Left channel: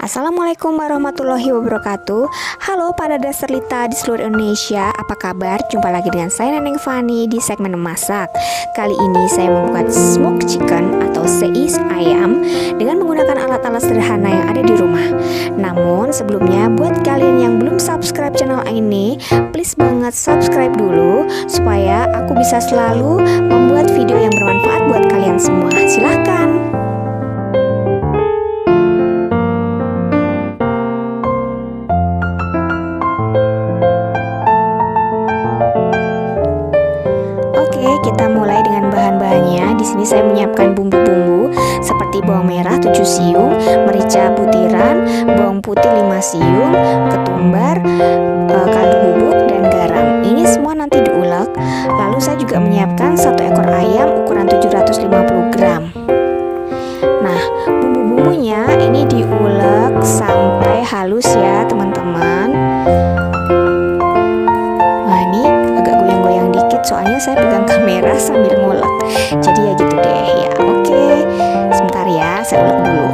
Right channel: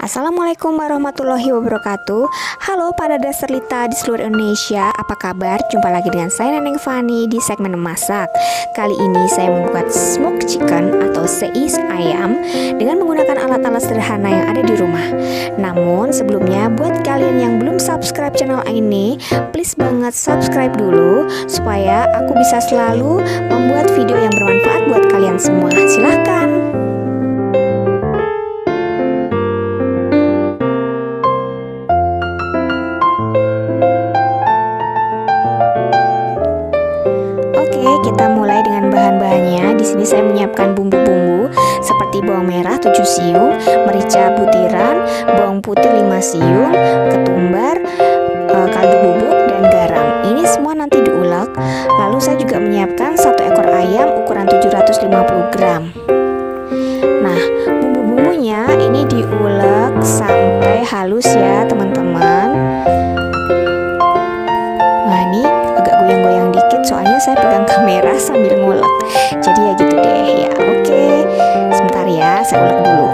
Assalamualaikum warahmatullahi wabarakatuh. Halo para dasterlita di seluruh Indonesia, apa kabar? Jumpa lagi dengan saya Neneng Fani di segmen memasak. Kali ini saya membuat smoked chicken atau seis ayam dengan menggunakan alat-alat sederhana yang ada di rumah. Namun sebelumnya, buat kalian yang belum subscribe channel ini, please banget subscribe dulu supaya aku bisa selalu membuat video yang bermanfaat buat kalian semua. Silahkan. Oke, kita mulai dengan bahan-bahannya. Di sini saya menyiapkan bumbu-bumbu seperti bawang merah 7 siung, merica butiran, bawang putih 5 siung, ketumbar, kaldu bubuk dan garam. Ini semua nanti diulek. Lalu saya juga menyiapkan 1 ekor ayam ukuran 750 gram. Nah, bumbu-bumbunya ini diulek sampai halus ya, teman-teman. Nah, ini agak goyang-goyang dikit soalnya saya pegang kamera sambil ngulek. Jadi ya gitu deh ya. Oke, sebentar ya, saya ulek dulu.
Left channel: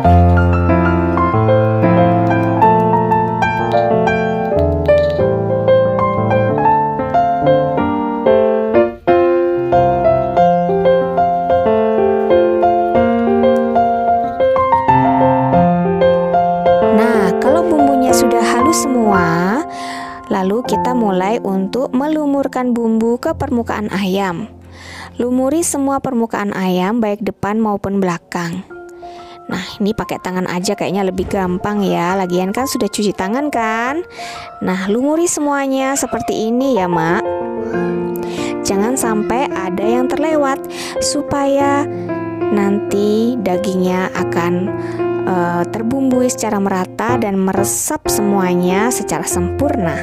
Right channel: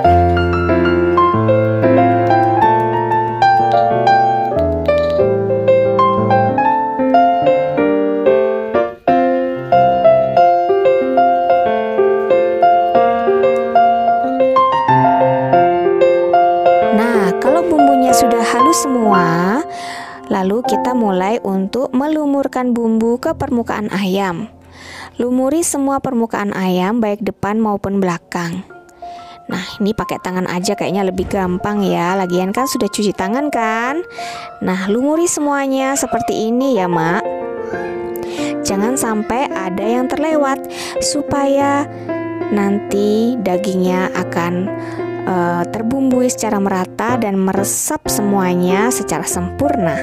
Nah, kalau bumbunya sudah halus semua, lalu kita mulai untuk melumurkan bumbu ke permukaan ayam. Lumuri semua permukaan ayam baik depan maupun belakang. Nah, ini pakai tangan aja kayaknya lebih gampang ya. Lagian kan sudah cuci tangan kan. Nah, lumuri semuanya seperti ini ya, Mak. Jangan sampai ada yang terlewat supaya nanti dagingnya akan terbumbui secara merata dan meresap semuanya secara sempurna.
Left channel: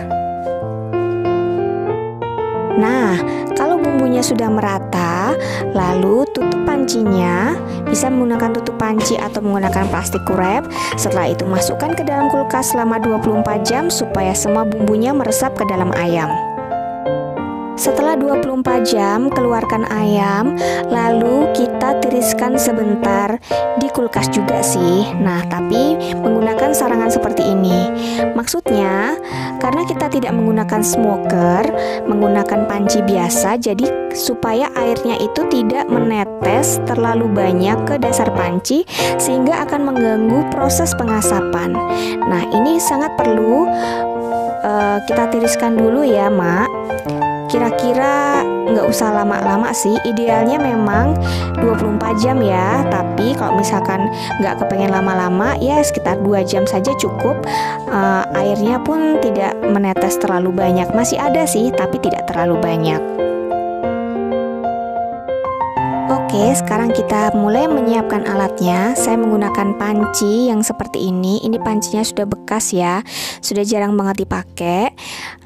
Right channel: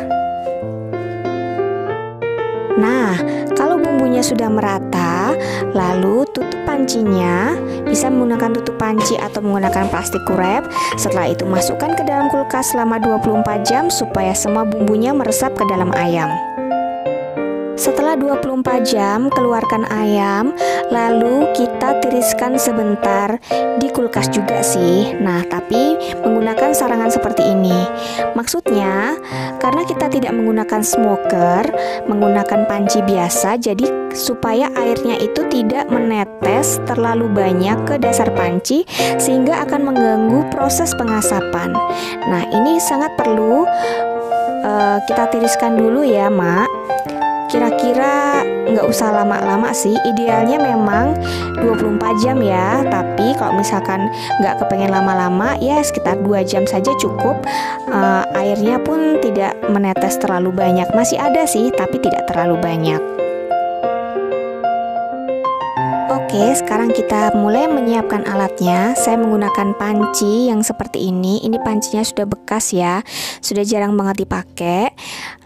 Nah, kalau bumbunya sudah merata, lalu tutup pancinya. Bisa menggunakan tutup panci atau menggunakan plastik wrap. Setelah itu masukkan ke dalam kulkas selama 24 jam supaya semua bumbunya meresap ke dalam ayam. Setelah 24 jam, keluarkan ayam, lalu kita tiriskan sebentar di kulkas juga sih. Nah, tapi menggunakan sarangan seperti ini. Maksudnya, karena kita tidak menggunakan smoker, menggunakan panci biasa, jadi supaya airnya itu tidak menetes terlalu banyak ke dasar panci sehingga akan mengganggu proses pengasapan. Nah, ini sangat perlu kita tiriskan dulu ya, Mak. Kira-kira nggak usah lama-lama sih, idealnya memang 24 jam ya. Tapi kalau misalkan nggak kepengen lama-lama, ya sekitar 2 jam saja cukup. Airnya pun tidak menetes terlalu banyak, masih ada sih tapi tidak terlalu banyak. Oke, sekarang kita mulai menyiapkan alatnya. Saya menggunakan panci yang seperti ini. Ini pancinya sudah bekas ya, sudah jarang banget dipakai.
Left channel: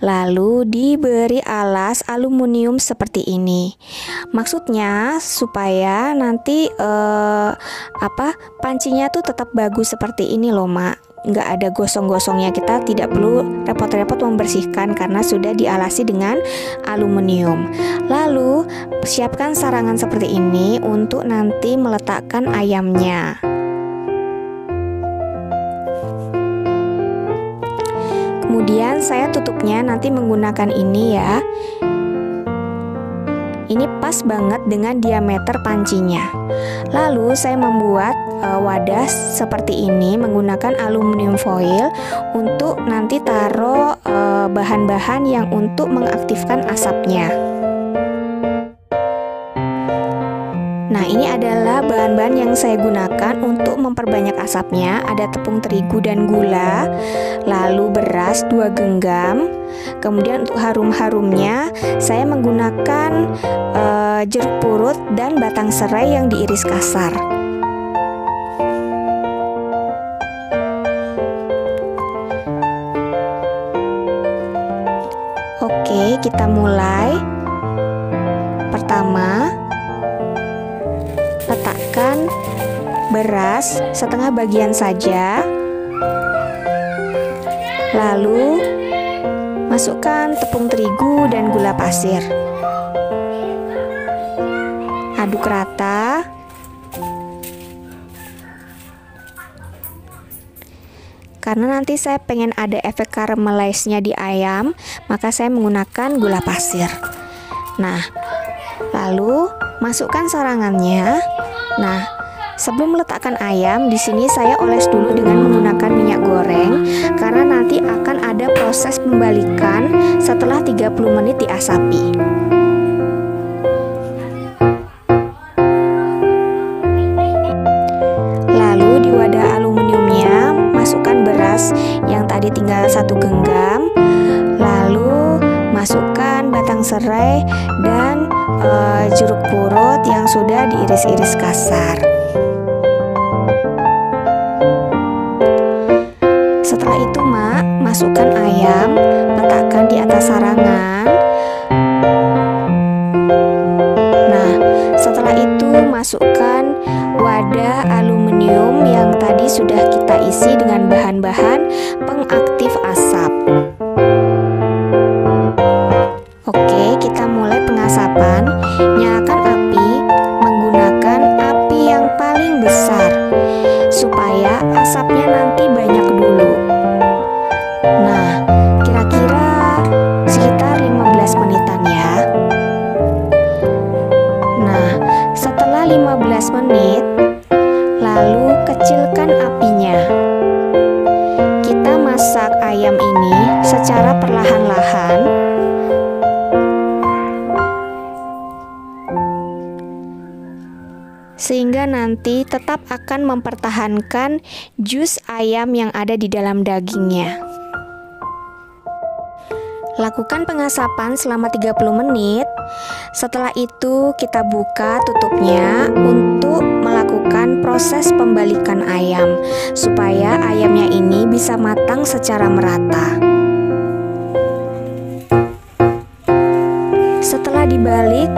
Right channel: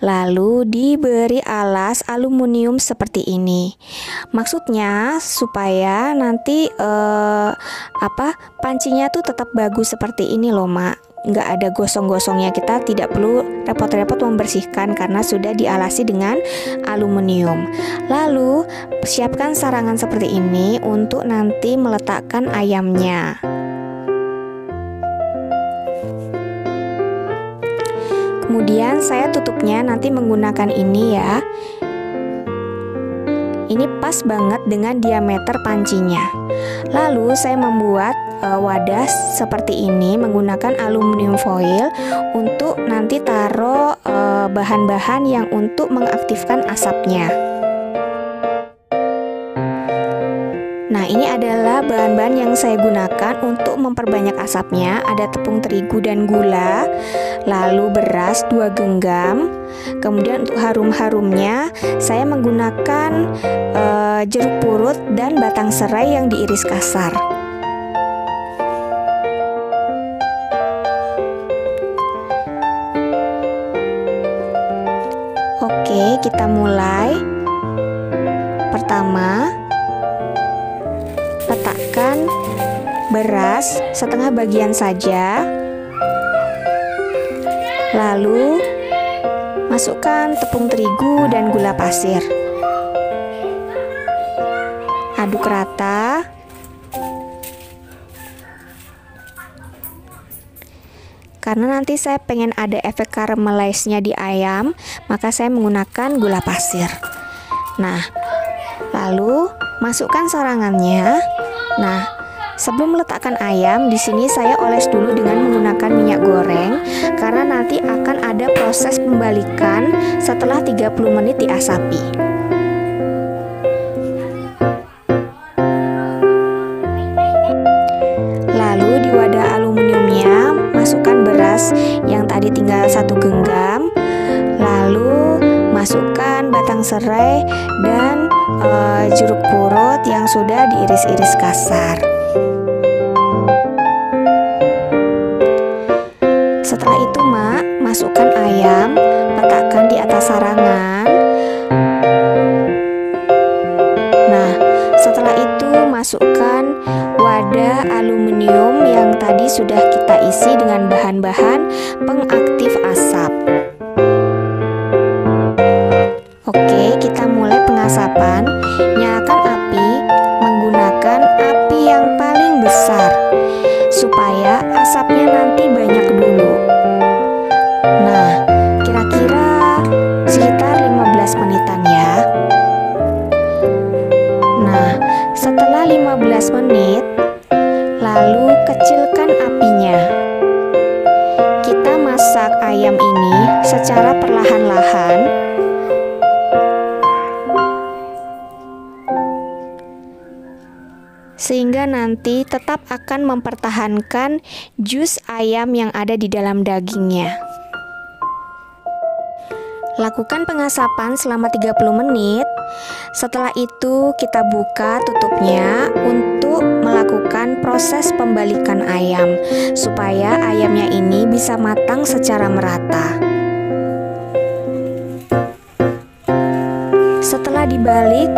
Lalu diberi alas aluminium seperti ini. Maksudnya supaya nanti pancinya tuh tetap bagus seperti ini loh, Mak. Nggak ada gosong-gosongnya, kita tidak perlu repot-repot membersihkan karena sudah dialasi dengan aluminium. Lalu siapkan sarangan seperti ini untuk nanti meletakkan ayamnya. Kemudian saya tutupnya nanti menggunakan ini ya. Ini pas banget dengan diameter pancinya. Lalu saya membuat wadah seperti ini menggunakan aluminium foil untuk nanti taruh bahan-bahan yang untuk mengaktifkan asapnya. Nah, ini adalah bahan-bahan yang saya gunakan untuk memperbanyak asapnya. Ada tepung terigu dan gula, lalu beras 2 genggam. Kemudian untuk harum-harumnya saya menggunakan jeruk purut dan batang serai yang diiris kasar. Oke, kita mulai. Pertama, letakkan beras setengah bagian saja. Lalu masukkan tepung terigu dan gula pasir. Aduk rata. Karena nanti saya pengen ada efek caramelized-nya di ayam, maka saya menggunakan gula pasir. Nah, lalu masukkan sarangannya. Nah, sebelum meletakkan ayam, di sini saya oles dulu dengan menggunakan minyak goreng karena nanti akan ada proses pembalikan setelah 30 menit diasapi. Lalu di wadah aluminiumnya masukkan beras yang tadi tinggal 1 genggam. Lalu masukkan batang serai dan jeruk purut yang sudah diiris-iris kasar. Setelah itu Mak, masukkan ayam, letakkan di atas sarangan. Nah, setelah itu masukkan wadah aluminium yang tadi sudah kita isi dengan bahan-bahan pengaktif asap. Oke, kita mulai pengasapan. Nyalakan api menggunakan api yang paling besar supaya asapnya nanti banyak dulu. Nah, kira-kira sekitar 15 menitan ya. Nah, setelah 15 menit, lalu kecilkan apinya. Kita masak ayam ini secara perlahan-lahan. Sehingga nanti tetap akan mempertahankan jus ayam yang ada di dalam dagingnya. Lakukan pengasapan selama 30 menit. Setelah itu kita buka tutupnya untuk melakukan proses pembalikan ayam supaya ayamnya ini bisa matang secara merata. Setelah dibalik,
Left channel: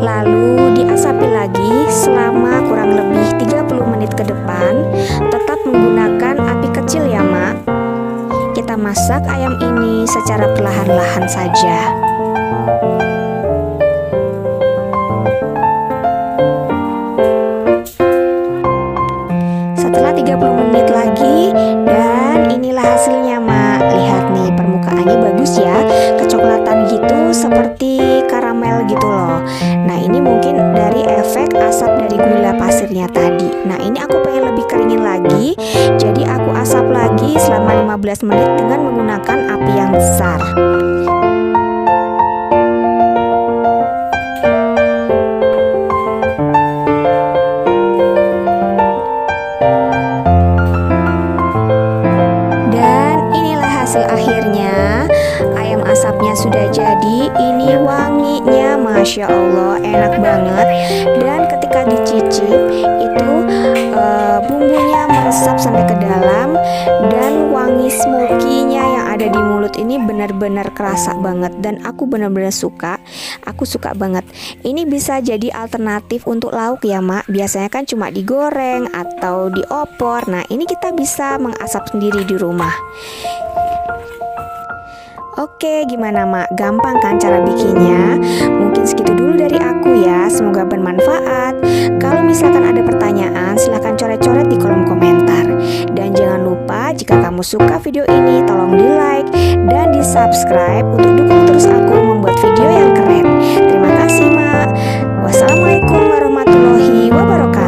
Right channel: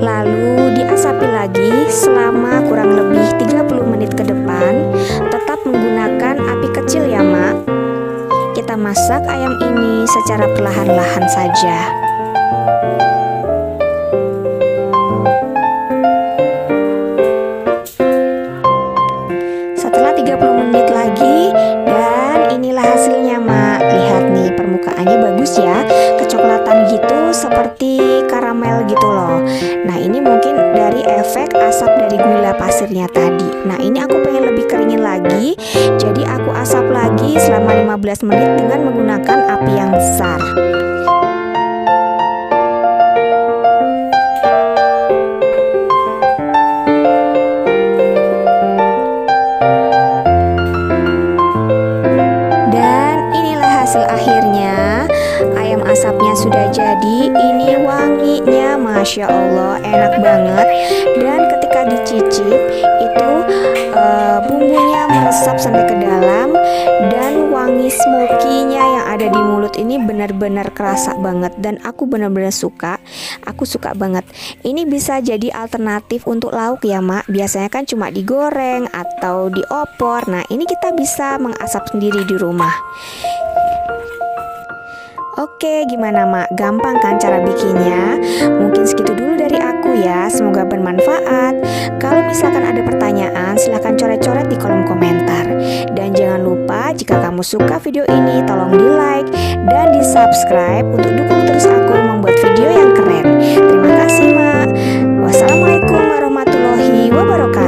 lalu diasapi lagi selama kurang lebih 30 menit ke depan. Tetap menggunakan api kecil ya Mak. Kita masak ayam ini secara perlahan-lahan saja. Setelah 30 menit lagi, dan inilah hasilnya Mak. Lihat nih, permukaannya bagus ya, kecoklatan gitu seperti karamel gitu loh. Nah, ini mungkin dari efek asap dari gula pasirnya tadi. Nah, ini aku pengen lebih keringin lagi, jadi aku asap lagi selama 15 menit dengan menggunakan api yang besar. Hasil akhirnya, ayam asapnya sudah jadi. Ini wanginya Masya Allah, enak banget. Dan ketika dicicip itu bumbunya meresap sampai ke dalam. Dan wangi smoky-nya yang ada di mulut ini benar-benar kerasa banget. Dan aku benar-benar suka. Aku suka banget. Ini bisa jadi alternatif untuk lauk ya Mak. Biasanya kan cuma digoreng atau diopor. Nah, ini kita bisa mengasap sendiri di rumah. Oke, gimana Mak? Gampang kan cara bikinnya? Mungkin segitu dulu dari aku ya. Semoga bermanfaat. Kalau misalkan ada pertanyaan, silahkan coret-coret di kolom komentar. Dan jangan lupa jika kamu suka video ini, tolong di like dan di subscribe untuk dukung terus aku membuat video yang keren. Terima kasih Mak. Wassalamualaikum warahmatullahi wabarakatuh.